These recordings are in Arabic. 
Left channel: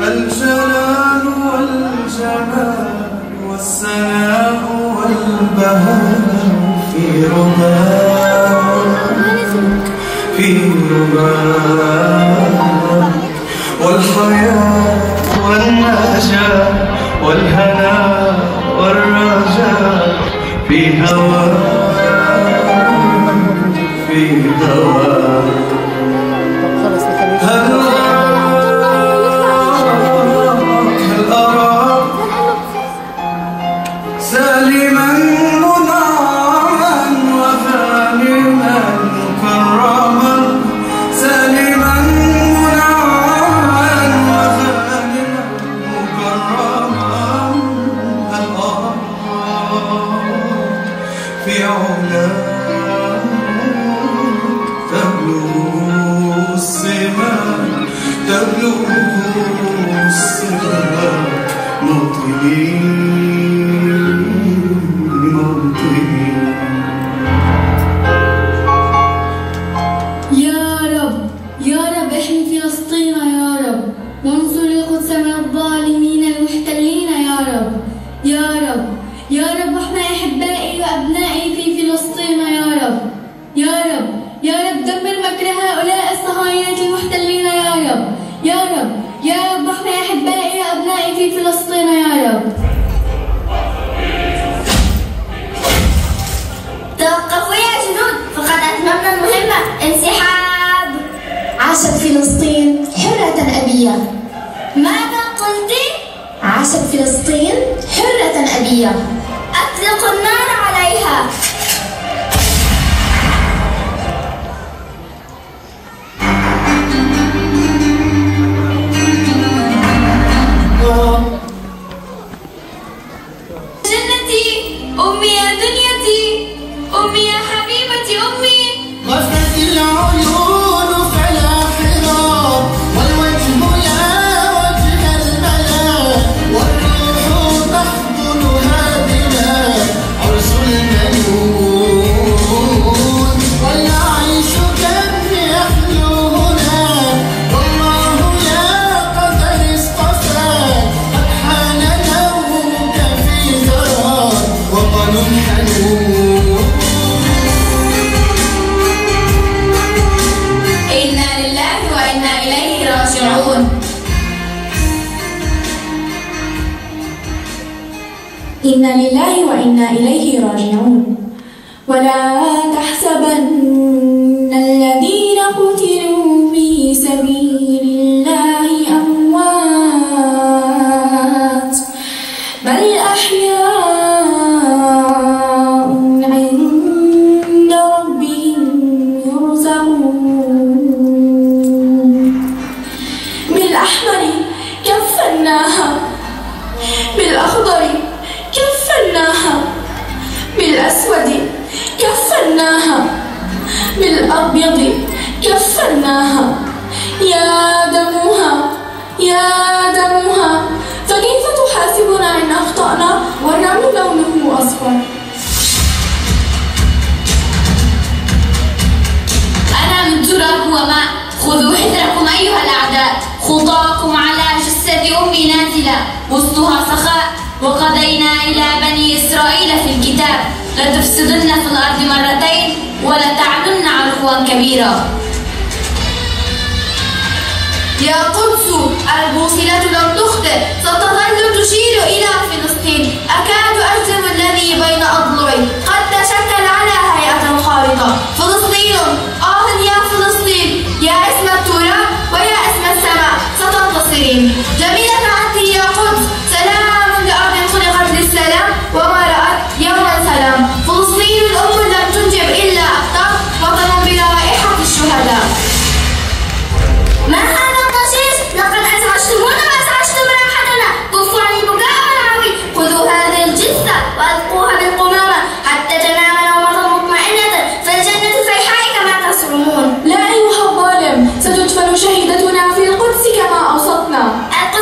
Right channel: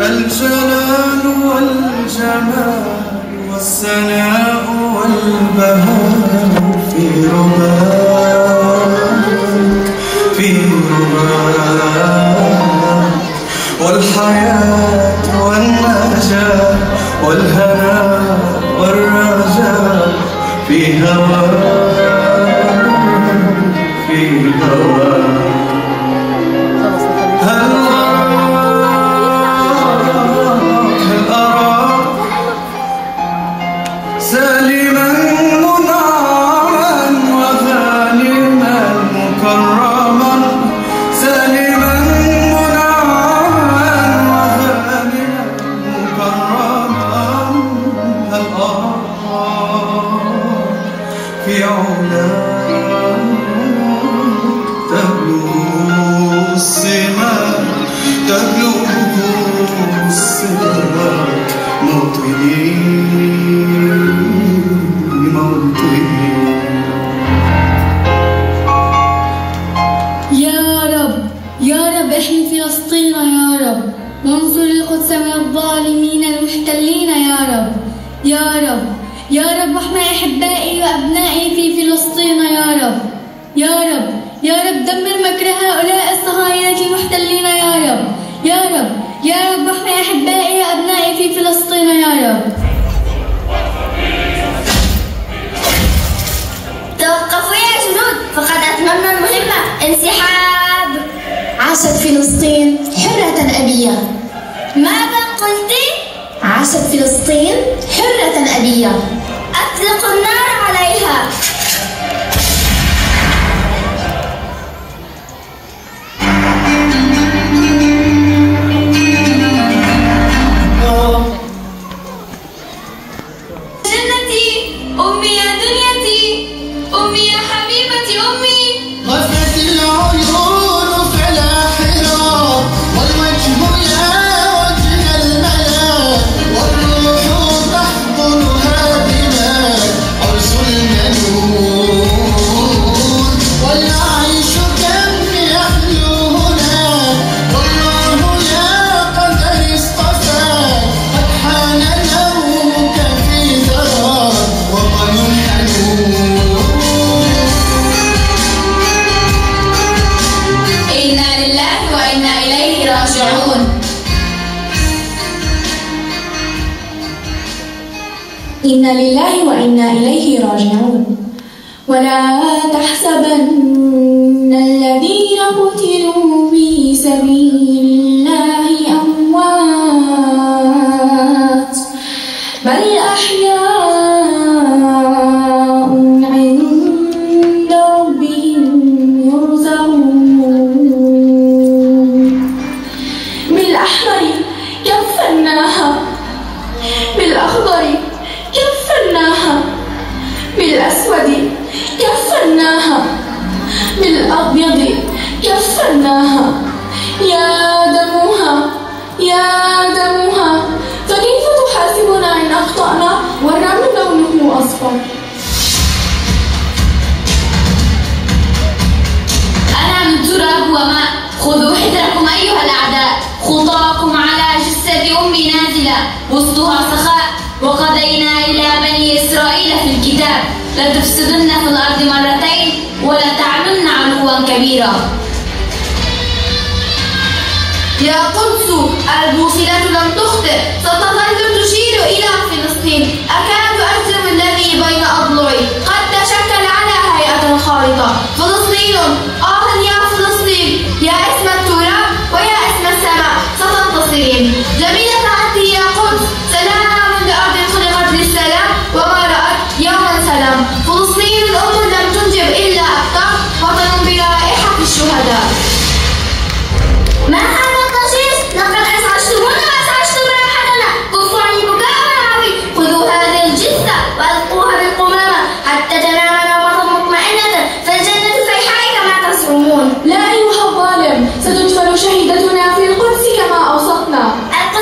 الجلال والجمال والسناء والبهاء في رباك والحياة والنجاة والهناء والرجاء في هواك في هواك. سالما منعما وغانما مكرما سالما منعما وغانما مكرما هل في علاك تبلغ السماء تبلغ السماء موطني احمي فلسطين يا رب وانصر القدس من الظالمين المحتلين يا رب يا رب يا رب احمي احبائي وابنائي في فلسطين يا رب يا رب يا رب دمر مكر هؤلاء الصهاينة المحتلين يا رب يا رب يا رب احمي احبائي وابنائي في فلسطين يا رب. توقفوا يا جنود فقد اتممنا المهمة. انسحاب. عاشت فلسطين حرة أبية. ماذا قلت؟ عاشت فلسطين حرة أبية. أطلقوا النار عليها. جنتي أمي يا دنيتي أمي يا حبيبتي أمي. غفلت العيون فلا حراب والوجه يا وجه الملاك والروح تحضنها بلاد عرس المنون والعيش كم يحلو هناك والله يا قدر اصطفى قد حان نومك في ذراك وطن حنون. إنا لله وإنا إليه راجعون. إنا لله وإنا إليه راجعون. ولا تحسبن الذين قتلوا في سبيل الله أموات بل أحياء عند ربهم يرزقون. بالأحمر كفناها بالأخضر كفناها بالأسود كفناها بالأبيض كفناها. يا دموها يا دموها فكيف تحاسبنا إن أخطأنا والرمل لونه أصفر. أنا من تراب وماء خذوا حذركم أيها الأعداء. خطاكم على جسد أمي نازلة وسطها سخاء. وقضينا إلى بني إسرائيل في الكتاب لتفسدن في الأرض مرتين ولتعلن علوا كبيرا. يا قدس البوصلة لم تخطئ ستظل تشير إلى فلسطين. أكاد أجزم الذي بين أضلعي قد تشكل على هيئة خارطة. فلسطين يا فلسطين يا اسم التراب ويا اسم السماء ستنتصرين. جميلة عهدي يا قدس سلام لأرض خلقت للسلام وما رأت يوما سلام. فلسطين أم لم تنجب إلا أبطال وطن برائحة الشهداء. ما هذا القصيص؟ لقد أزعجتمونا وأزعجتم راحتنا. كفوا عن البكاء والعويل. خذوا هذه الجثة وألقوها بالقمامة حتى تنام نومة مطمئنة فالجنة صيحاء كما تزعمون. لا أيها الظالم ستدفن شهيدتنا في القدس كما أوصتنا. القدس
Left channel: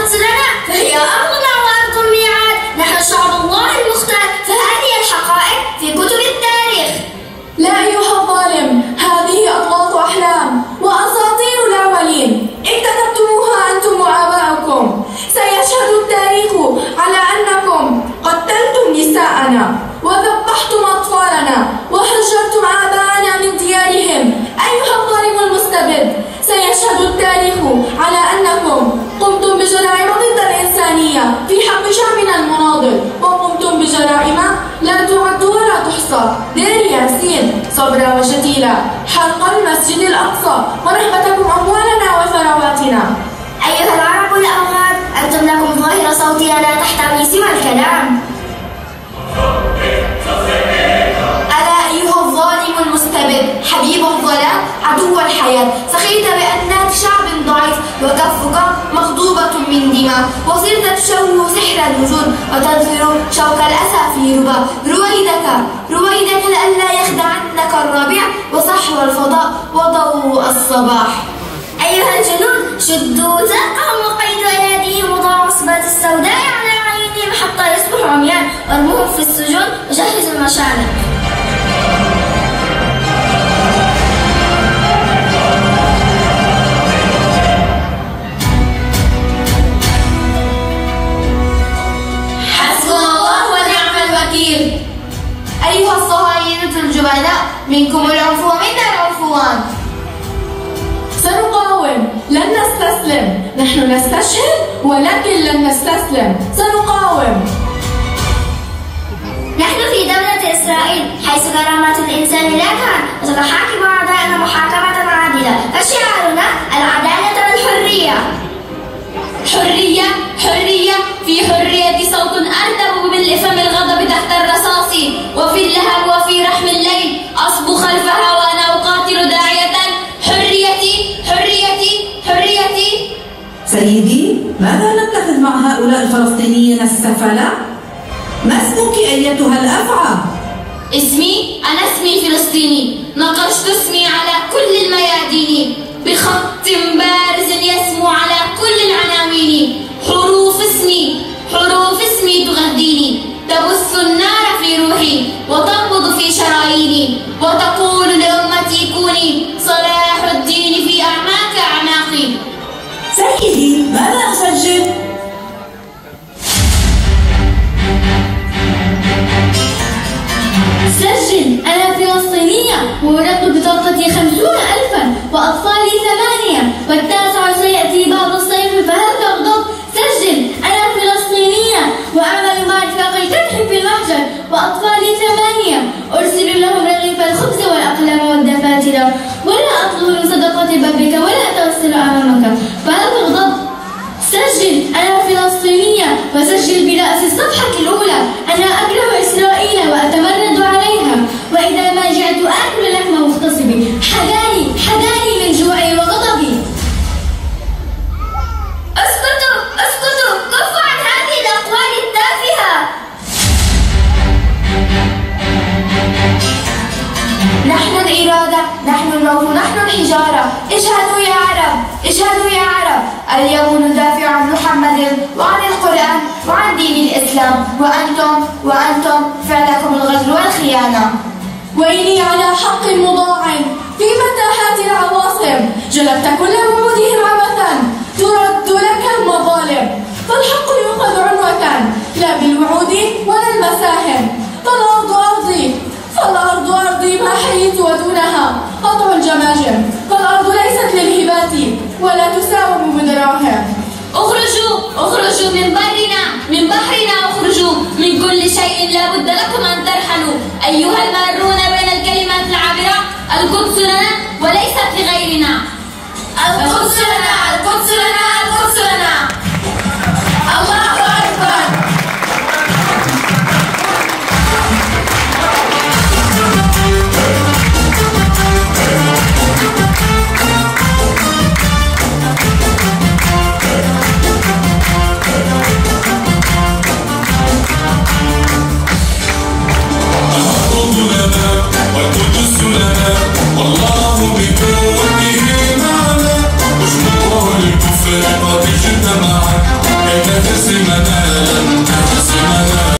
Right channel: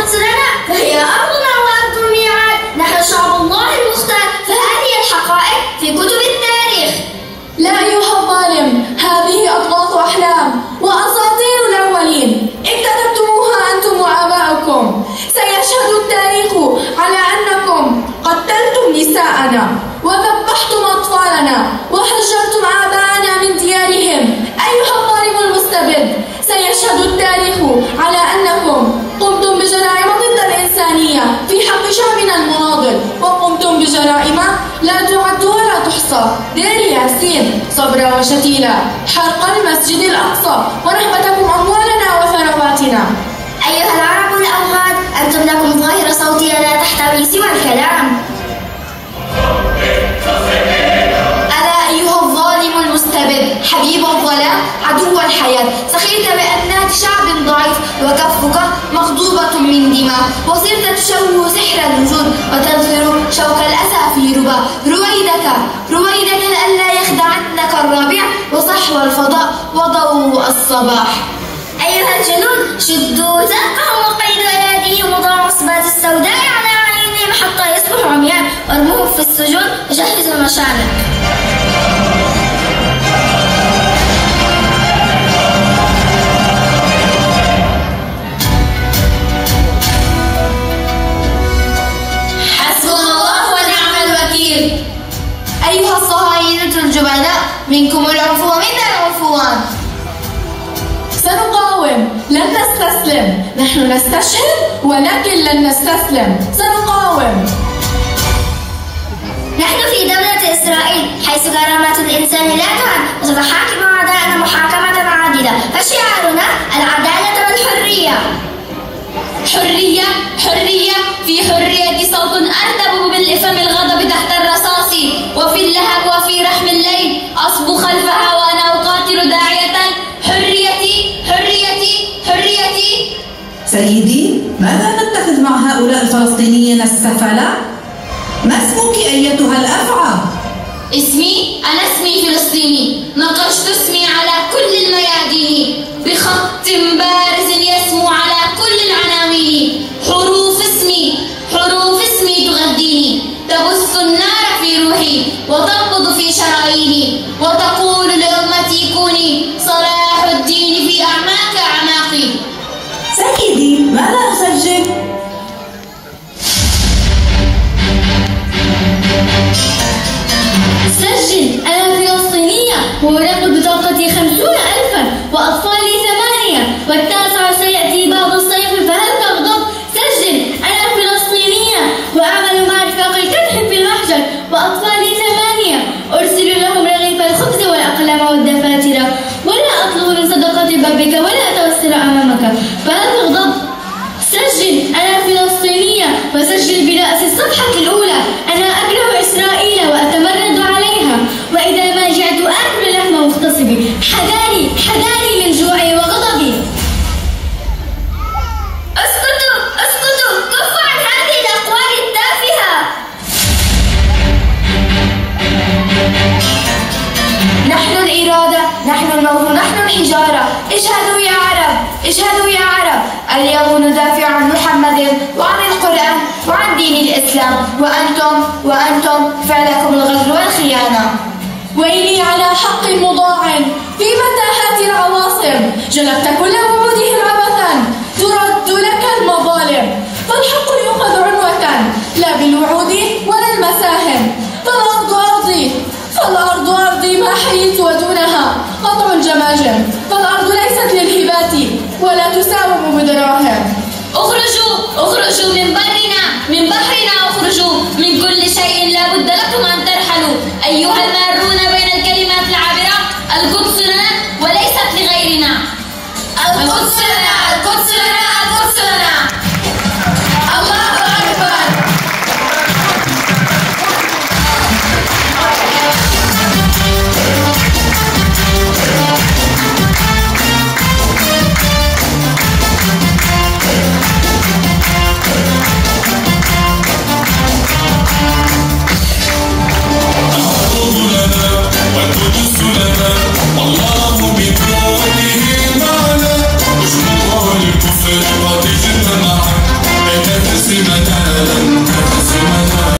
الأقصى، دير ياسين، صبرا وشتيلا، حرق المسجد الأقصى، ونهبتكم أموالنا وثرواتنا. أيها العرب الأوغاد، أنتم لكم ظاهرة صوتية لا تحتوي سوى الكلام. ألا أيها الظالم المستبد، حبيب الظلام، عدو الحياة، سخرت بأنات شعب ضعيف، وكفك مغضوبة من دماء، وصرت تشوه سحر الوجود، وتنثر شوك الأسى في ربا. رويدك لئلا يخدعنك الربيع، وصحو الفضاء وضوء الصباح. أيها الجنود، شدوا زرقهم وقيدوا أيديهم وضعوا عصبات السوداء على عينيهم حتى يصبحوا عميان، وارموهم في السجون وجهزوا المشانق. حسبنا الله ونعم الوكيل. أيها الصهاينة الجبناء، منكم العنف ومنا العنفوان. سنقاوم، لن نستسلم، نحن نستشهد ولكن لن نستسلم، سنقاوم. نحن في دولة إسرائيل، حيث كرامة الإنسان لا تعد، وستحاكم أعداءنا محاكمة عادلة، فشعارنا العدالة والحرية. حرية، في حرية صوت أرتب بالفم الغضب تحت الرصاص، وفي اللهب وفي رحم الليل أصبو خلفها وأنا أقاتل داعية حريتي. سيدي، ماذا نتخذ مع هؤلاء الفلسطينيين السفلاء؟ ما اسمك أيتها الأفعى؟ أنا اسمي فلسطيني، نقشت اسمي على كل الميادين بخط بارز يسمو على كل العناوين. حروف اسمي تغذيني، تبث النار في روحي وتنبض في شراييني، وتقول لأمتي كوني صلاح الدين في أعماقي. سيدي، ماذا أسجل؟ سجل، أنا فلسطينية، وورقت بطاقتي 50,000، وأطفالي 8، والتاسع سيأتي بعد الصيف فهل تغضب؟ سجل، أنا فلسطينية، وأعمل مع رفاق الكدح في المحجر، وأطفالي 8، أرسل لهم رغيف الخبز والأقلام والدفاتر، ولا أطلب من صدقة بابك ولا أتوسل أمامك فهل تغضب؟ سجل، أنا فلسطينية، وسجل برأس الصفحة الأولى، أنا أكره إسرائيل وأتمرد عليها، وإذا ما جعت آكل لحم مغتصبي، حذاري من جوعي وغضبي. اسكتوا، كفوا عن هذه الأقوال التافهة. نحن الإرادة، نحن النور، نحن الحجارة. اشهدوا يا عرب، اليوم ندافع عن محمد وعن القرآن وعن دين الإسلام، وأنتم فعلكم الغدر والخيانة. ويلي على حق مضاع في متاهات العواصم، جلبت كل وعودهم عبثا، ترد لك المظالم، فالحق يؤخذ عنوة لا بالوعود ولا المساهم. فالأرض أرضي ما حييت ودونها قطع جماجم، فالأرض ليست للهبات ولا تساوم بدراهم.